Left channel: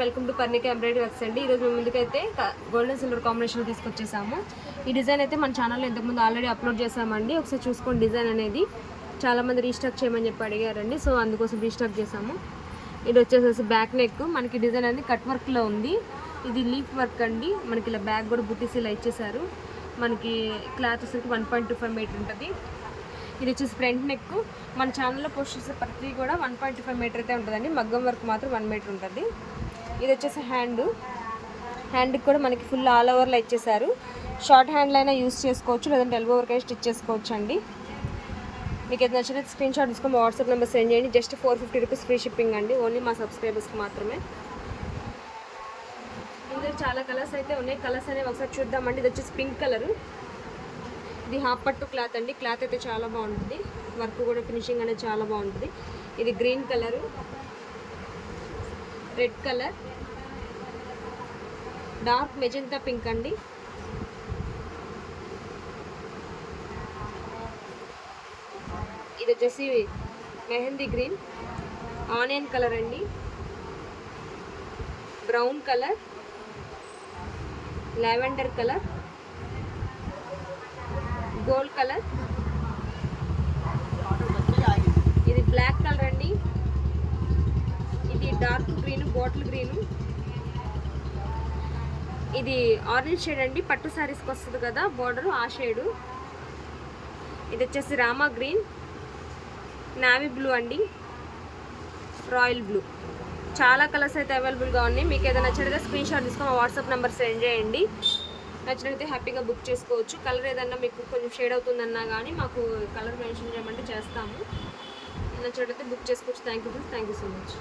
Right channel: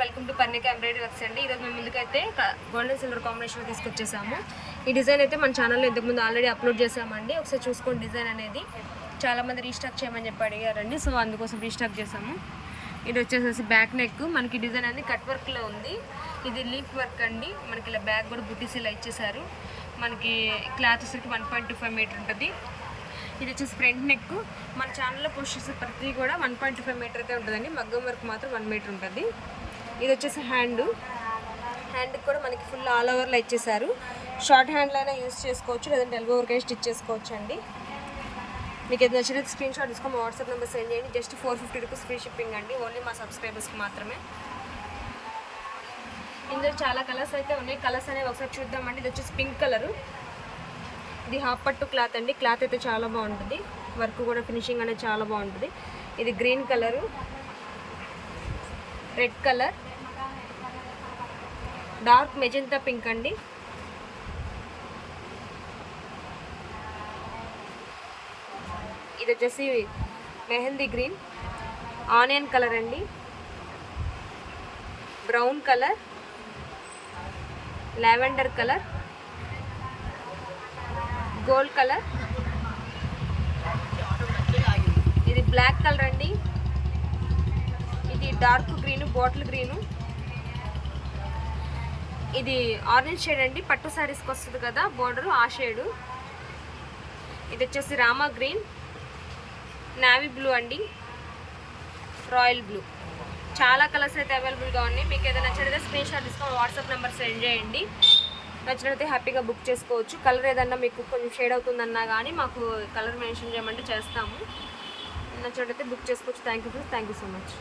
Welcome to Parnika embroidery works అండి. ఈరోజు మేము ముందుకైతే గోల్డెన్ సిల్వర్ కాంబినేషన్ తీసుకొచ్చేసాము. ఈ డిజైన్ అయితే మన ఛానల్లో ఇంతకుముందు ఆల్రెడీ అప్లోడ్ చేసామండి. ఒకసారి చూసుకోండి. డిజైన్ అనేది చాలామంది రీస్టాక్ చేయమని చెప్పి అడిగారండి, సో అందుకోసం రీస్టాక్ చేసాము. ఇది వచ్చేసేసి బ్యాక్ నెక్, మనకి డిజైన్ అనేది కట్ వర్క్లో ఉంది. ఇది లీఫ్ వర్క్ అండి. మనకి ఇలా బ్యాక్ కూడా బుట్టీస్ ఇలా ఇచ్చేసారు. మనకి క్లాత్ వచ్చేసరికి 1.25 మీటర్ ఉంటుంది. ఇది వచ్చేసి ఫ్రంట్ నెక్. మన ఛానల్లో పోస్ట్ చేసే ప్రతి కూడా 1.25 మీటర్ అయితే ఉంటుందండి. మగ్గం వర్క్ మాత్రం 1 మీటర్ ఉంటుంది. ఇది వచ్చేసి హ్యాండ్కి కూడా మనకి ఫుల్ ఆల్ ఓవర్లో ఇచ్చేసారు. షార్ట్ హ్యాండ్లో అయినా యూస్ చేసుకోవచ్చు, లేదంటే ఎల్బో వర్క్ అయినా స్టిచ్ చేసుకోవచ్చు అండి. మీకు ఏది నచ్చినట్టు స్క్రీన్ షాట్ తీసుకొని మా వాట్సాప్ నెంబర్ సెండ్ చేయండి. జస్ట్ 450 రూపీస్ ఫ్రీ షిప్పింగ్ అండి, ఓన్లీ మా సబ్స్క్రైబర్స్కి మాత్రమే. ఇందులో చాలా కలర్స్ అయితే ఉన్నాయి. కలర్స్ అనేవి ఒకసారి చూద్దామండి. ఇది వచ్చేసి పింక్ కలరు. ఇది హాఫ్ పట్టు క్లాత్ అండి. క్లాత్ అయితే చాలా బాగుంటుంది. వర్క్ కూడా ఫినిషింగ్ అనేది చాలా బాగుంటుంది. ఇది green colour, red colour, dark magenta pink అండి. ఇది వచ్చేసి మెహందీ గ్రీన్, ఆనియన్ కలర్ అండి, brown colour, lavender colour, gold colour, ఇది బ్లాక్ కలర్ అండి. ఇది డార్క్ గ్రీన్, బాటిల్ గ్రీను. ఇది ఆరెంజ్ షేడ్ అండి, పట్టు శారీస్కి వస్తుంది కదా బార్డరు, ఆ షేడు. ఇది వచ్చేసి రామా గ్రీన్, నావీ బ్లూ అండి, రాయల్ బ్లూ. చాలా కలర్స్ అయితే అవైలబుల్గా ఉన్నాయి. మీకు ఏదైనా నచ్చితే స్క్రీన్ షాట్ తీసుకొని వాట్సాప్ నెంబర్ సెండ్ చేయండి. నచ్చినట్లయితే హ్యాపీగా బుక్ చేసుకోవచ్చు. కలర్ ఏదన్నా మీకు కొంచెం షేడ్ అవుతుందన్నా కానీ మాకు కలర్ మెన్షన్ చేయమంటే చేస్తాము. నచ్చినట్లయితే బుక్ చేసుకోవచ్చు. Thank you so much.